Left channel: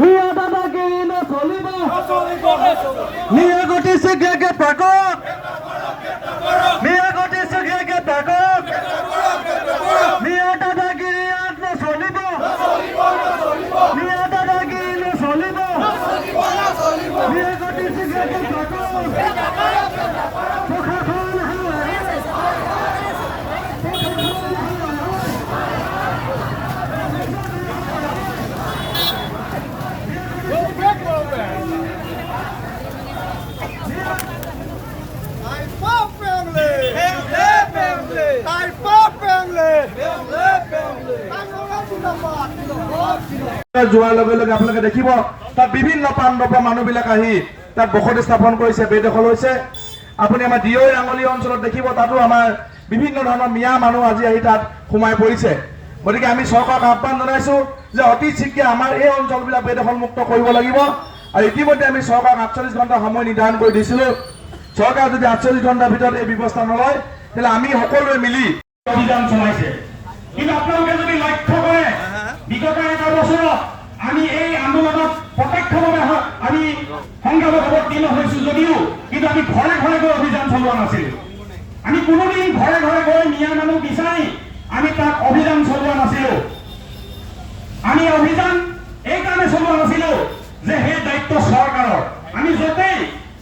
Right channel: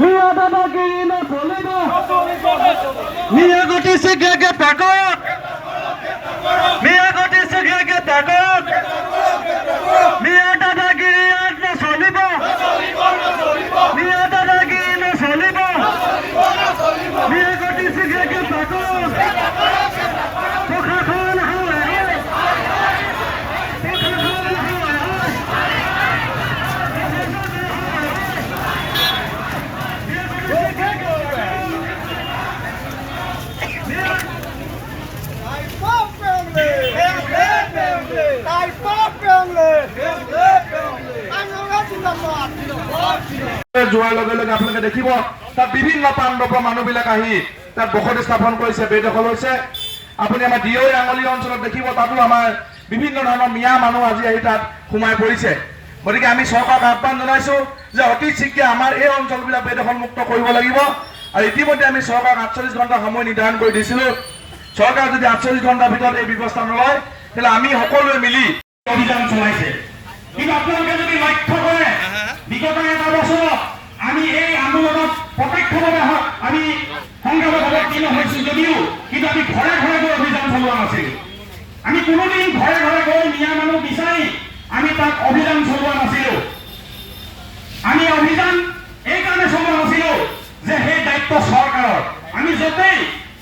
মিয়া দাদাগিরি নচলিব মিয়া ঘটিছে গেগে পাগল মিয়া ঘটিছে গেগে পাগল মিয়া দাদাগিরি আর নচলিব মিয়া দাদাগিরি নচলিব মিয়া ঘটিছে গেগে পাগল প্রশাসন যোৱাৰ লগে লগে আপোনালোকে দেখিব তাত বিভিন্ন প্ৰান্তৰ মানুহবিলাক আহি তাত বসতি স্থাপন কৰিছে, বেদখল হৈছে। আপুনি আমাৰ দিয়ৈ আঙলি অঞ্চলত দেখিব, তাতো আমাৰ বিভিন্ন ধৰণৰ মিয়া মানুহ আজি আহি তাত সোমাই পৰিছে। গতিকে আমি চৰকাৰক আহ্বান জনাইছো যে অতি শীঘ্ৰে আমাৰ এই অঞ্চলবিলাক বেদখল মুক্ত কৰিব লাগিব। আৰু ইতিমধ্যে আমি চৰকাৰক 48 ঘণ্টা সময় নিৰ্ধাৰণ কৰি দিছিলো। চৰকাৰে যদি 48 ঘণ্টাৰ ভিতৰত এই ব্যৱস্থা নলয় তেতিয়াহ'লে আমি সকলোৱে মিলি অভিযান চলাইছে। কিন্তু আপোনালোকে যদি লক্ষ্য কৰে বিগত এটা বছৰত আমি এই আন্দোলনত প্ৰত্যক্ষভাৱে আমি সংগ্ৰামত অৱতীৰ্ণ হৈছো যদিও কিন্তু আমি ঘৰে ঘৰে গৈ অভিযান চলোৱা নাছিলো। আমি কোনোদিন ঘৰে ঘৰে গৈ মিয়া মানুহ বিচাৰি আমি তাত অভিযান চলোৱা নাছিলো। আমি অভিযান এইকাৰণে চলোৱা নাছিলো যে সেই দায়িত্ব চৰকাৰৰ। আমি য'তেই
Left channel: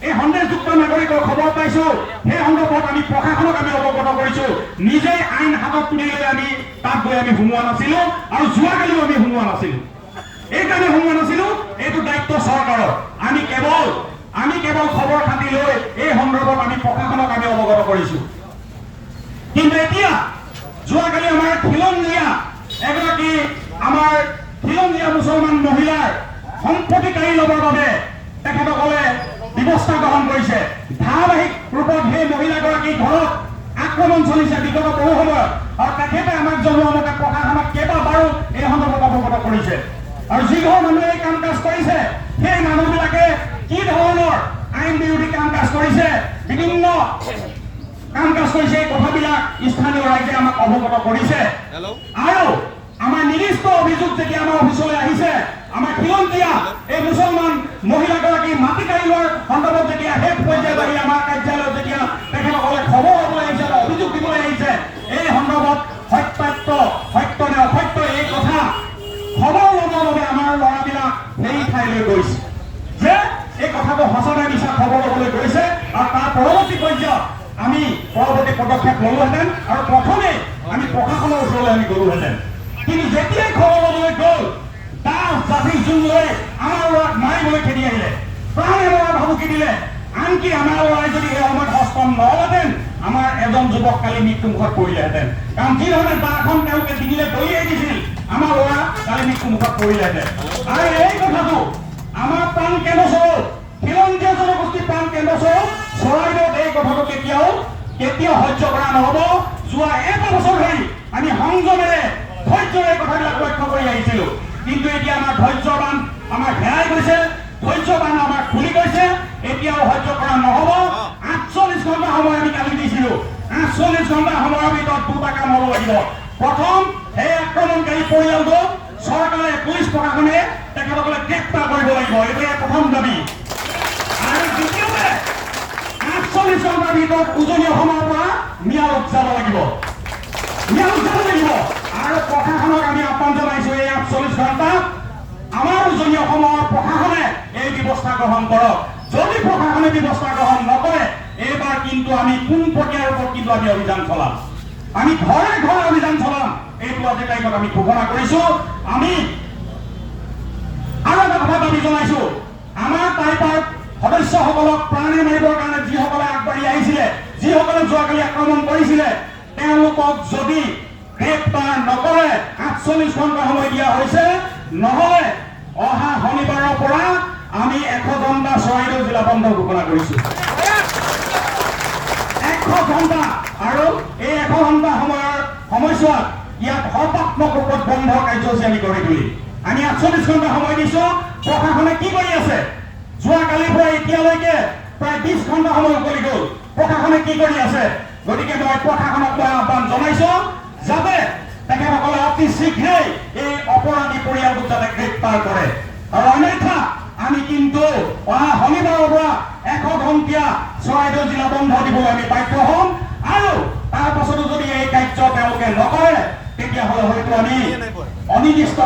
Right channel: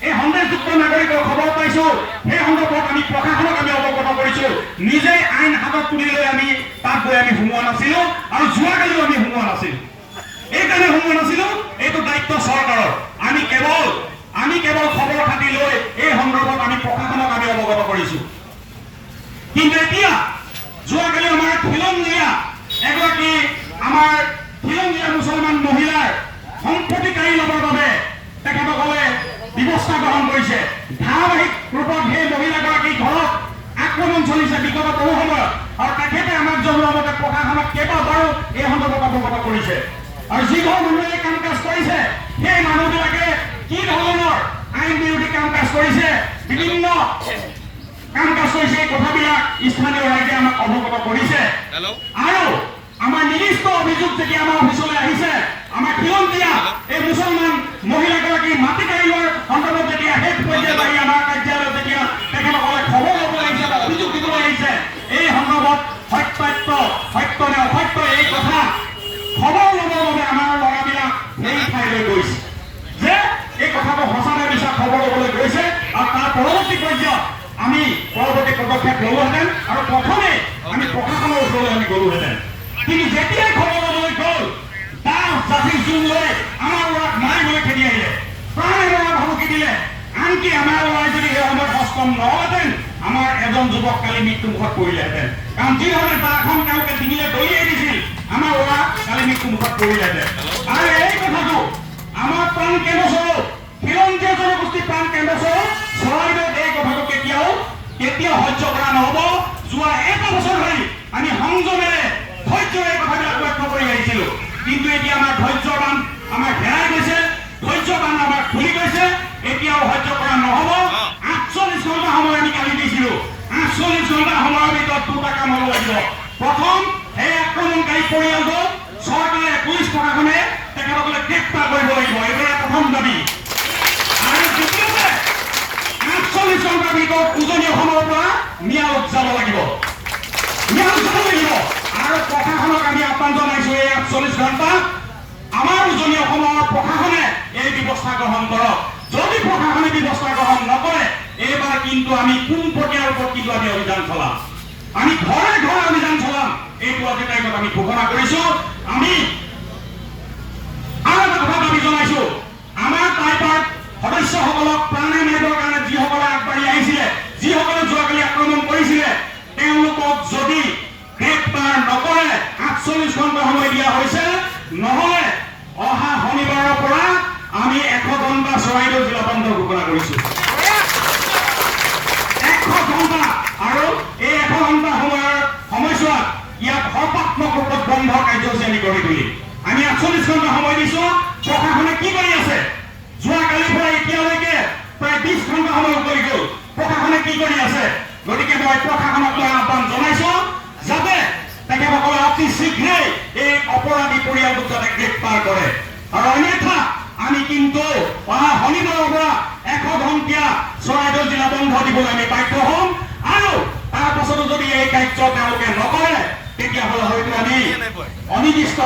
এই সন্দেহযুক্ত নাগৰিকৰ খবৰ পাইছো সেই সন্দৰ্ভত আমি প্ৰশাসনক আমি অৱগত কৰিছো। নিজেই আইন হাতত তুলি লৈ আমি তাত গৈ আমি সোমোৱা নাছিলো আৰু যোৱাকালিও আমি সোমোৱা নাছিলো। এইকাৰণে সোমোৱা নাছিলো, এইটো দায়িত্ব চৰকাৰৰ। আমি কেৱল খবৰ খাতি লৈ এই সন্দৰ্ভত আমি প্ৰশাসনক আমি অৱগত কৰিছো। কিন্তু এতিয়া যোৱাকালি আমাৰ খিলঞ্জীয়া এগৰাকী আমাৰ খিলঞ্জীয়া মুছলমান মহিলাৰ সম্পত্তি কাঢ়ি ল'বৰ বাবে তেখেতসকলে ব্যৱস্থা গ্ৰহণ কৰিছে। ধাৰাবাহিক ৰূপত সেই মহিলাগৰাকীৰ ঘৰত আক্ৰমণ চলিছে বিগত বহু সময়ত, আৰু তেখেতে আমাক জনোৱা মতে প্ৰশাসনক কেইবাবাৰো এই সন্দৰ্ভত অৱগত কৰিছে। আৰু যিঘৰ মানুহে এই কাম কাজ কৰিছে সেই মানুহবিলাকে কি ধৰণৰ আইন বিৰোধী কাম কাজ কৰিছে, বিভিন্ন কাম কাজ কৰিছে, এই কথাবিলাক স্থানীয় ৰাইজে আমাক অৱগত কৰিছে। আৰু আমাৰ নিৰ্দিষ্ট অভিযোগ যেতিয়া আমাৰ অফিচলৈ আহিছে, আমাৰ খিলঞ্জীয়া এই মুছলমান মহিলাগৰাকী মাটি কাঢ়ি লোৱাৰ সন্দৰ্ভত যেতিয়া শেষ পৰ্যায়ত আহি আমাৰ কাৰ্যালয়ত যেতিয়া তেখেতসকলে খবৰ ল'বলৈ আহিছে বা অভিযোগ দিবলৈ আহিছে, এই সন্দৰ্ভত সত্য নে অসত্য এই কথা খবৰ ল'বৰ বাবে আমাৰ ল'ৰাবিলাক সেই ঠাইলৈ গৈছে যে এই কথাটো সঁচা নে মিছা খবৰ ল'বলৈ গৈছে। আৰু তাৰ পৰৱৰ্তী পৰ্যায়ত আমি পৰৱৰ্তী পদক্ষেপ ল'লোহেঁতেন আৰু প্ৰথমে আমি প্ৰশাসনৰ ওচৰলৈ আমি গ'লোহেঁতেন। কিন্তু যেতিয়াই খবৰ ল'বলৈ গ'ল তাৰ জাতি জোন লৈ আমাৰ ল'ৰাক মাৰিবলৈ খেদি আহিলে, প্ৰাণে ল'ৰা ভাবুকি দিলে। আনকি আমাৰ ল'ৰাই যদি এই সময়ত হস্ত নহ'লেহেঁতেন আমাৰ এজন যুৱক কালি মৃত্যুমুখত পৰিলেহেঁতেন। কাৰণ যিধৰণে দাখন তেওঁলোকে ডিঙিলে দলিয়াই দিছিল আমাৰ ল'ৰা কালি মৃত্যুমুখত পৰিলেহেঁতেন। আৰু এই কথাটো আমাৰ প্ৰাণ কেন্দ্ৰস্বৰূপ খিলঞ্জীয়া জনগোষ্ঠীৰ প্ৰাণ কেন্দ্ৰস্বৰূপ চৰাইদেউত এই কথাটো কেতিয়াও সহ্য কৰা নহ'ব। যোৱা এটা বছৰ ধৰি আমি সংযমেৰে ধৈৰ্যৰে কথাবিলাক লক্ষ্য কৰি আহিছিলো, কিন্তু এতিয়া আমাৰ ধৈৰ্যৰ বান্ধ আমাৰ হেৰাই গৈছে, ধৈৰ্যৰ বান্ধ আমাৰ খুলি গৈছে। এতিয়াও সহ্য কৰা নহ'ব। 48 ঘণ্টা সময় আমি কালি দিছিলো। 48 ঘণ্টা সময়ৰ ভিতৰত দুটা কাম হ'ব লাগিব। প্ৰথম, সেই আক্ৰমণকাৰী পৰিয়ালটো চৰকাৰে পুলিচ প্ৰশাসনে তেখেতসকলে গ্ৰেপ্তাৰ কৰিব লাগিব, এইটোৱে প্ৰথম দাবী। আৰু দ্বিতীয়তে 48 ঘণ্টাৰ ভিতৰত উজনি অসমৰ পৰা মিয়া লোক যাব লাগিব। আৰু প্ৰশাসনক আমি আহ্বান জনাইছো এই 48 ঘণ্টাত আমাৰ উজনি অসমৰ প্ৰশাসনে এই ব্যৱস্থা গ্ৰহণ কৰক। যদি প্ৰশাসনে ব্যৱস্থা গ্ৰহণ নকৰে এইবাৰ কিন্তু আমি কোন পৰ্যায়ৰ ওপৰত কিন্তু আমি অভিযান চলাম, আমি ঘৰে ঘৰে অভিযান চলাম, এইটো আজি তাৰিখত আমি ঘোষণা কৰিছো। আমি আৰু এটা কথা দাবী জনাইছো, আমাৰ টাইপাৰ সদস্যসকলক প্ৰাণে মাৰিবৰ কাৰণে যিসকলে আগবাঢ়ি আহিছিলে, যিসকলে যোৱাকালি আক্ৰমণ কৰিছিলে, তেওঁলোকক যদি গ্ৰেপ্তাৰ নকৰে 48 ঘণ্টা সময় দিয়া হৈছে, নহ'লে অহা শনিবাৰৰ পৰা আমি 100 ঘণ্টা চৰাইদেউ জিলা বন্ধ ঘোষণা কৰিছো। 100 ঘণ্টা, আৰু এই 100 ঘণ্টা সময়ছোৱাত ইয়াত সৰ্বাত্মক ৰূপত বন্ধ কাৰ্যসূচী আমি গঢ়ি তুলিম। আমি 48 ঘণ্টা সময় দিছো। প্ৰশাসনে কি কৰি আছে? যোৱাকালিৰ পৰা এতিয়ালৈকে প্ৰায় 20 ঘণ্টা সময় উকলি গ'ল। প্ৰশাসনে কি কৰি আছে? গতিকে মই প্ৰশাসনক আহ্বান জনাইছো যাতে তেখেতসকলে অতি শীঘ্ৰেই এই অপৰাধী পৰিয়ালটোক যাতে গ্ৰেপ্তাৰ কৰে। আৰু অন্যথা আমি কিন্তু অহা শনিবাৰৰ পৰা 100 ঘণ্টীয়া চৰাইদেউ জিলা বন্ধ দিবলৈ আমি বাধ্য হ'ম আৰু তাৰ পাছতো যদি এই কাৰ্য তেওঁলোকে নকৰে তেতিয়াহ'লে হয়তো আমি অনিৰ্দিষ্ট